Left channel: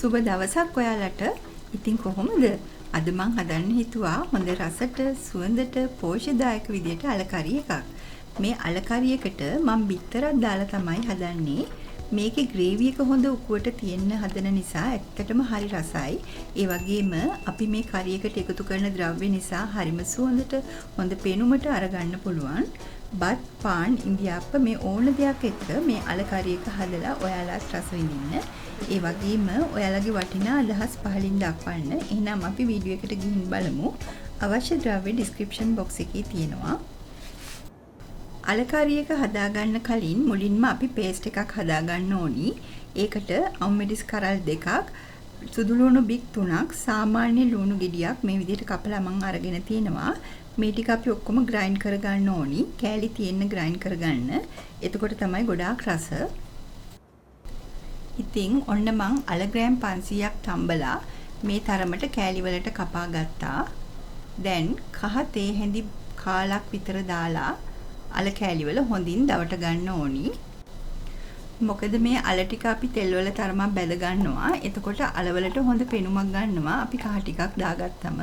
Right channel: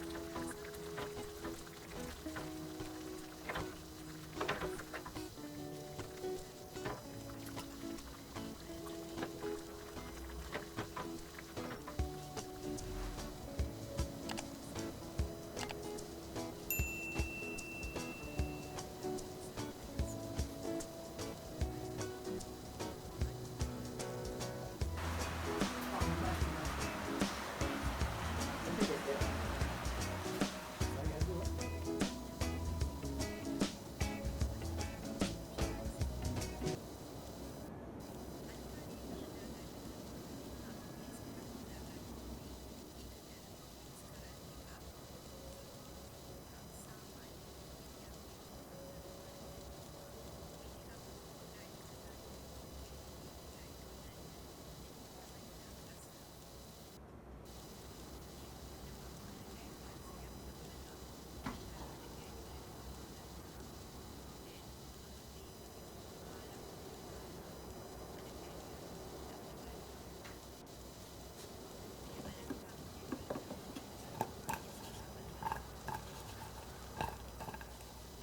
සුබ දවසක් ඔයාලට. ඉතින් කොහොමද? අද මං හදන්න හිතුවා හොඳ රසට, සුවඳට, පෝෂ්‍යදායක විදියට අලකරි එකක්. මේ අලකරියකට මං බිත්තරක් දාලා තමයි හදන්නේ. මේකේ ග්‍රේවි එක හොඳ උකුවට තියෙන්න හදන නිසා ඇත්තටම හරි රසයි. ඒ වගේම අපි මේ කරි එකට එකතු කරන ද්‍රව්‍ය නිසා හරිම සුවඳට හොඳ පෙනුමට අරගන්න පුළුවන්. බත්, පාන්, ඉන්දියාප්ප මේ ඕන දෙයක් එක්ක මේ අලකරි එක හදලා ඔයාලත් රස විඳින්න. ඒ වගේම ඔයාලගේ වටිනා අදහස් පහලින් දක්වන්න. එහෙනම් අපි වීඩියෝ එකට ගිහින් බලමු. අවශ්‍ය ද්‍රව්‍ය ඩිස්ක්‍රිප්ෂන් බොක්ස් එකේ තියෙනවා. අලකරි එක හදාගන්න කලින් මුලින්ම අපි පේස්ට් එකක් හදාගන්න ඕනි. ඒකට අම්මෙඩිස් කරල් 2ක්, සුදු ලුණු බික් 3ක්, සාමාන්‍ය ලුණු ගෙඩියක් මේ විදිහට කපලා මම අරගෙන තිනවා. මේ ටික අපි ඔක්කොම ග්‍රයින්ඩ් කරගන්න ඕනි. කෑලි තියෙන්න ග්‍රයින්ඩ් කරගන්න. එතකොට තමයි ගොඩාක් රස. ඉතින් ඔන්න මං අල ග්‍රෑම් 500ක් තම්බලා මේ තරමට කෑලි වලට කපා ගත්තා. දැන් කහ තේ හැඳි කාලක් විතර දාලා අල කෑලි වල හොඳින් දවට ගන්න ඕනි. මොකද මේ අල ටික අපි තෙල් වල තරමක් බැද ගන්නවා. එතකොට අල වලට හොඳ පෙනුමක් ගන්නවා අපි කහ ටිකක් දාගත්තම.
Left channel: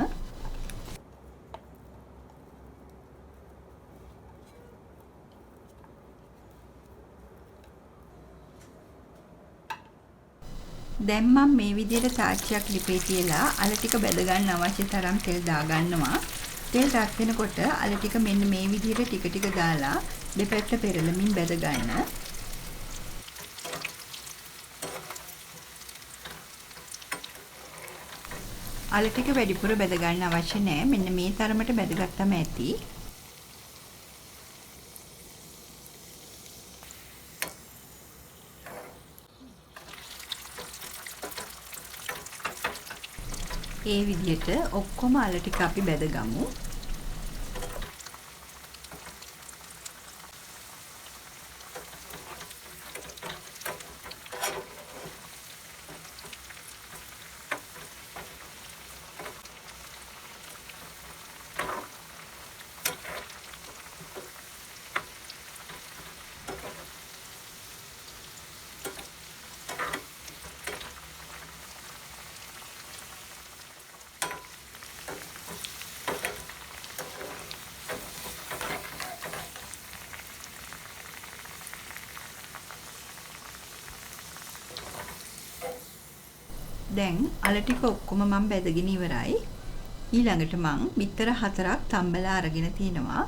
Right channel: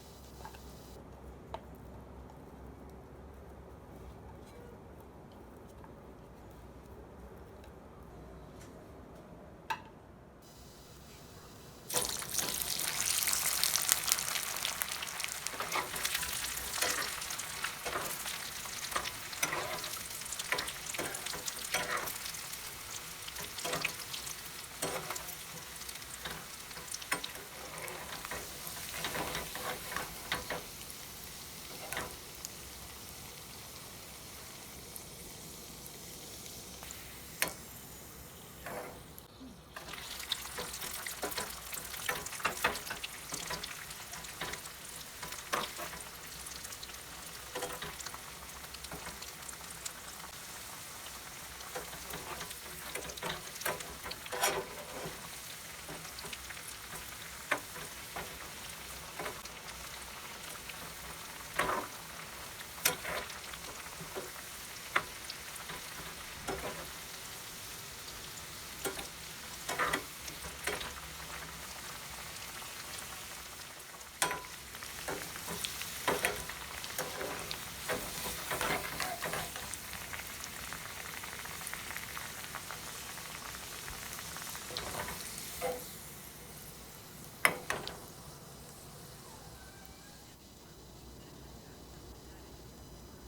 දැන් මම මේ විදිහට තාච්චියක් ලිපේ තියලා අල ටික බැද ගන්න අවශ්‍ය තරම් තෙල් දාගන්නවා. තෙල් රත් වෙනකොට අල ටික මෙන්න මේ විදිහට ටික ටික දාලා දෙපැත්ත පෙරලමින් බැද ගන්න. අල ටික වැඩිපුර බැද ගන්න අවශ්‍ය නැහැ. මෙන්න මේ තරමට බැදගත්තම ඇති. ඒ විදිහට ඔක්කොම අල ටික අපි බැදගමු. දැන් අල ටික ඔක්කොම මම බැදගෙන ඉවරයි. ඊළඟට මම බිත්තර 4ක් තම්බලා අරගෙන තිනවා.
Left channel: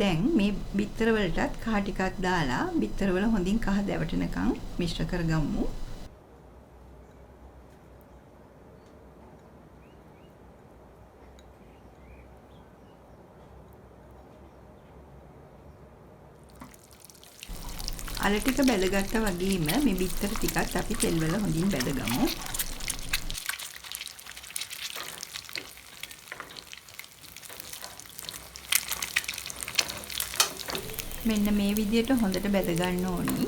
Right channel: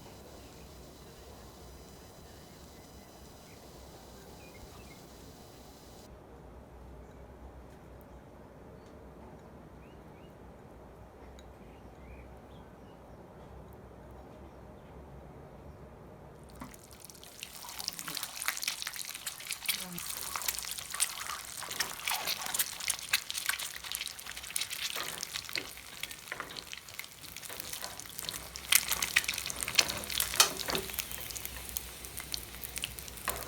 දැන් මේ බිත්තර වලටත් කහ ටිකක් දාලා බිත්තර වල හොඳින් කහ දැවටෙනකන් මිශ්‍ර කරගමු. අල ටික බැදගත්තා වගේම මේ බිත්තර ටිකත් අපි තෙල් වල හොඳින් බැදගමු. මෙන්න මේ විදිහට හොඳට බැද ගන්න ඕනි.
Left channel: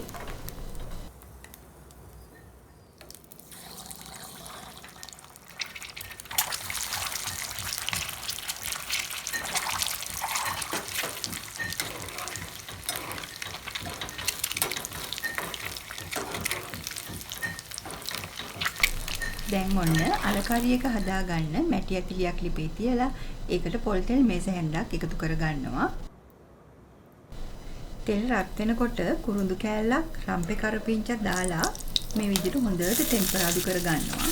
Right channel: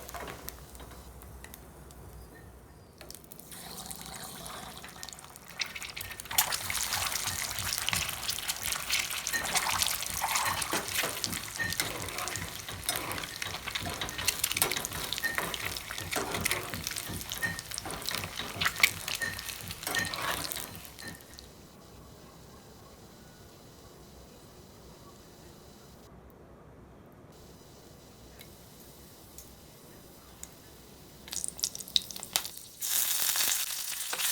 දැන් ඔන්න අලකරි එක හදාගන්න මැටි ඇතිලියක් ලිපේ තියලා ඒකට පොල් තෙල් මේස හැන්දක් එකතු කරගන්නවා. තෙල් රත් වෙනකොට කුරුඳු කෑල්ලක්, රම්පේ කරපිංචක් දාලා මේ විදිහට හොඳට ටෙම්පරාදු කරගන්නවා.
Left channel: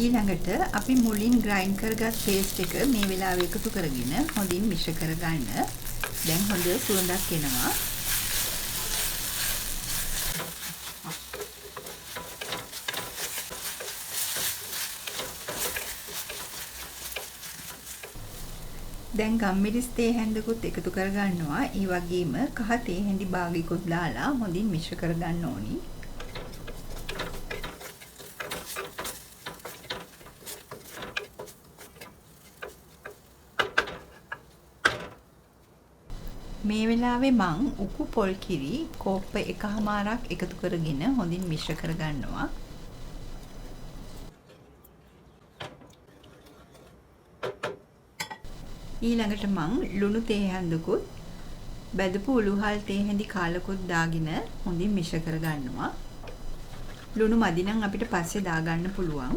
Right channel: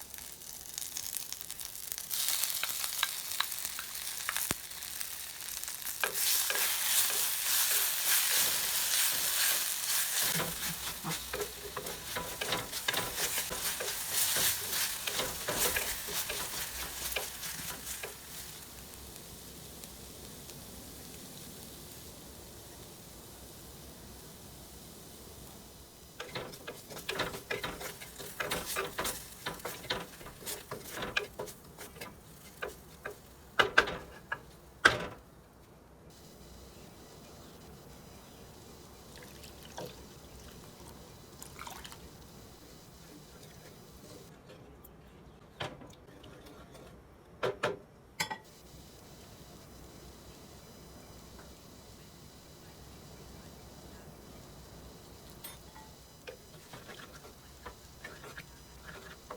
ඊළඟට අපි මුලින් ග්‍රයින්ඩ් කරගත් පේස්ට් එක මේ වෙලාවේ එකතු කරගෙන හොඳින් මිශ්‍ර කරගන්න. දැන් හොඳ සුවඳක් එනවා. දැන් ගම්මිරිස් තේ හැඳකුත් එකතු කරගන්නවා. ඒ වගේම කහ තේ හැඳි භාගයකුත් දාලා හොඳින් මිශ්‍ර කරගන්න ඕනි. මේ වෙලාවේ මං උපු පොල් කිරි කෝප්ප 1/4ක් එකතු කරගෙන හොඳින් මිශ්‍ර කරගන්නවා. ඊළඟට මං ලුණු තේ හැඳකුත් බැදපු උළුහල් තේ හැඳි කාලකුත් දාගෙන හොඳින් මිශ්‍ර කරගන්නවා. ලුණු මදි නම් අපිට පස්සේ දාගන්න පුළුවන්.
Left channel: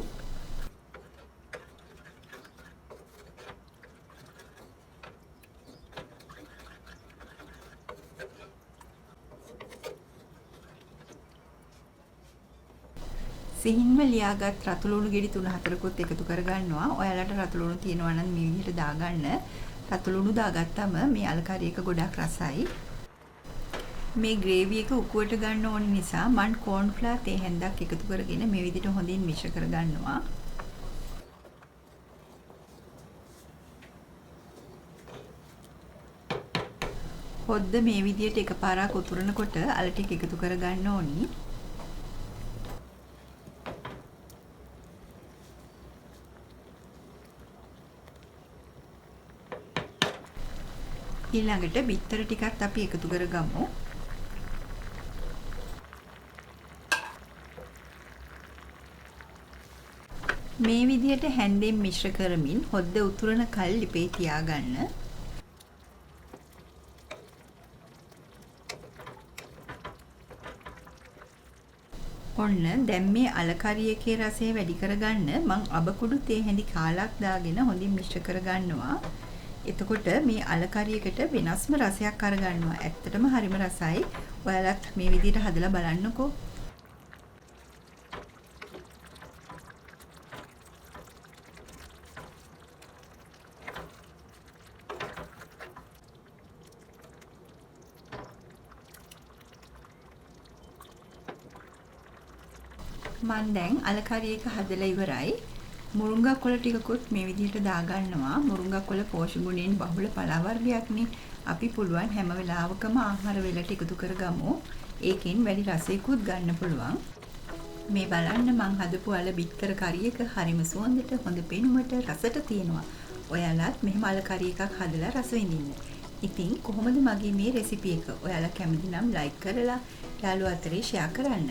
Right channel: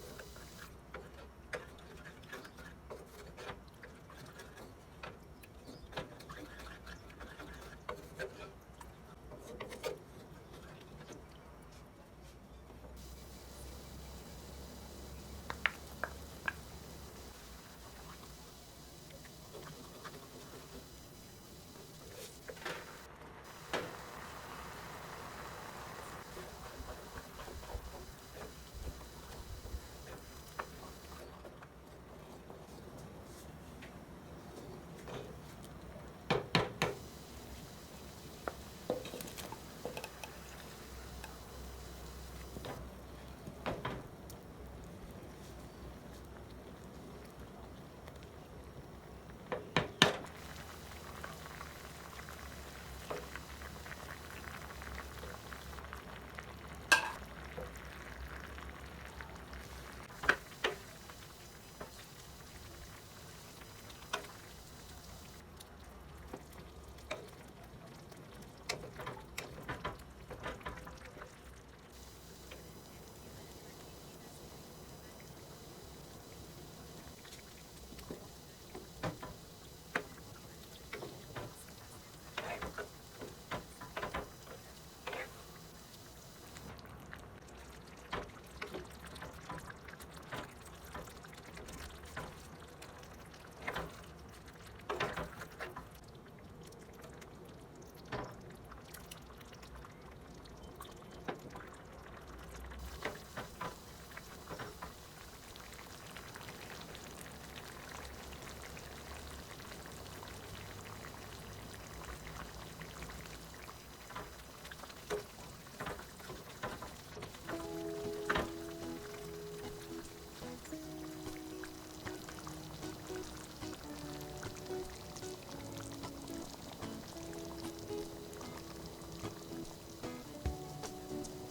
සිහින්ම ලියාගත් රතු ලුණු ගෙඩි 3-4කුත් එකතු කරගන්නවා. ඔයාලට රතු ලුණු තියෙනවා නම් මේ විදිහට දාගන්න. රතු ලුණු දාගත්තම මේ අලකාරි එක ගොඩක් රසයි. මේ ග්‍රේවි එක උකුවට ගන්න ඕන නිසා මම කෝන් ෆ්ලවර් තේ හැන්දක් එකතු කරගෙන මේ විදිහට හොඳින් මිශ්‍ර කරගන්නවා. හොද්ද මේ විදිහට එකපාරක් උතුරනකොට අල ටික එකතු කරගන්න ඕනි. ඊළඟට බිත්තර ටිකත් අපි එකතු කරගමු. මේ විදිහට හැන්දෙන් මිශ්‍ර කරමින් හොද්ද උතුරන කල් ලිපේ තියාගන්න. ඔන්න දැන් මේ අලකරි එකේ රසය වැඩි කරගන්න මං අබකුඩු තේ හැඳි කාලක් දාගෙන හොඳින් මිශ්‍ර කරගන්නවා. එතකොට මේ අලකරි එකට වෙනස්ම රසයක් අරගන්නවා. ඇත්තටම හරිම රසයි. ඔයාලත් මේ විදිහට හදලා බලන්නකෝ. මම දැන් අලකරි එක හදලා ඉවරයි. මුරුංගා කොළ ටිකකුත් මේ විදිහට දාගන්නවා. මුරුංගා කොළ පෝෂ්‍ය ගුණයෙන් බහුල පලා වර්ගයක්නේ. අපි පුළුවන් හැම වෙලාවකම ආහාර වලට එකතු කරගමු. ඒකෙන් වැඩි රසයකුත් ගන්න පුළුවන්. මේ බලන්න මං හදපු අල බිත්තර කරි එක හරිම සුවඳට හොඳ පෙනුමට රසට තියෙනවා. ඔයාලත් මෙහෙම අලකරි එකක් හදලා රස විඳින්න. ඉතින් කොහොමද මගේ මේ රෙසිපි එක? ඔයාලා කැමති නම් ලයික් කරලා යාළුවෝ අතරේ ෂෙයා කරන්න.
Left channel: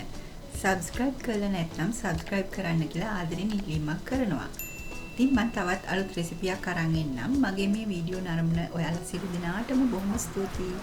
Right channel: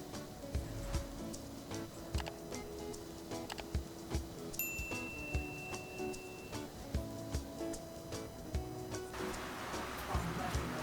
සබ්ස්ක්‍රයිබ් කරලා නැත්නම් සබ්ස්ක්‍රයිබ් කරන්න කියලා ආදරෙන් ඉල්ලීමක් කරනවා. ඉතින් මම තවත් අලුත් රෙසිපියක් අරන් එන්නම්. මගේ මේ වීඩියෝ නරඹන ඔයාලා සියලු දෙනාටම බොහොම ස්තුතියි.